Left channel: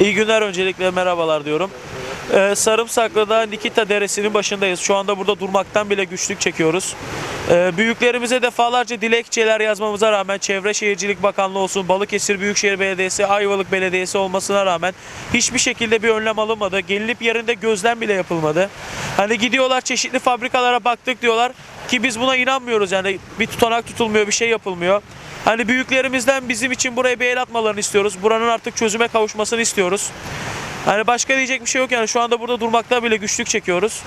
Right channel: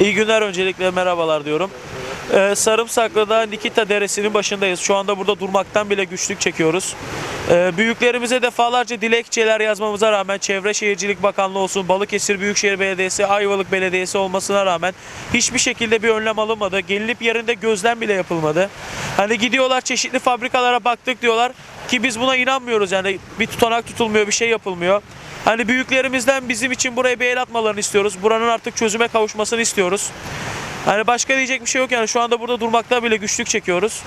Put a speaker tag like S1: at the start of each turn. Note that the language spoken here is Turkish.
S1: İyi günler öncelikle merhabalar diyorum. Ee, Sarımsaklı'da Nikita Deresi'nin başındayız. Şu anda burada durmaktan bile güçlük çekiyoruz. Ee, büyüklerimize defalarca dilekçeler yazmamıza rağmen Çevre Şehircilik Bakanlığı olsun, Balıkesir Büyükşehir Belediyesi, Ayvalık Belediyesi olmasına rağmen hiçbir şekilde bir önlem alınmadı. Gelinip yerinde gözlem bile yapılmadı. Hani gidiyorlar çeşitli fabrikalara baktık diyorlar ki biz buna inanmıyoruz yani bir tutanak tutulmuyor, bir şey yapılmıyor. Hani büyüklerimizden bizim için buraya bir el atmalarını istiyoruz. Buranın artık çözüme kavuşmasını istiyoruz. Hani başka diyecek bir şey yok yani şu anda burada durmakta bile güçlük çekiyoruz.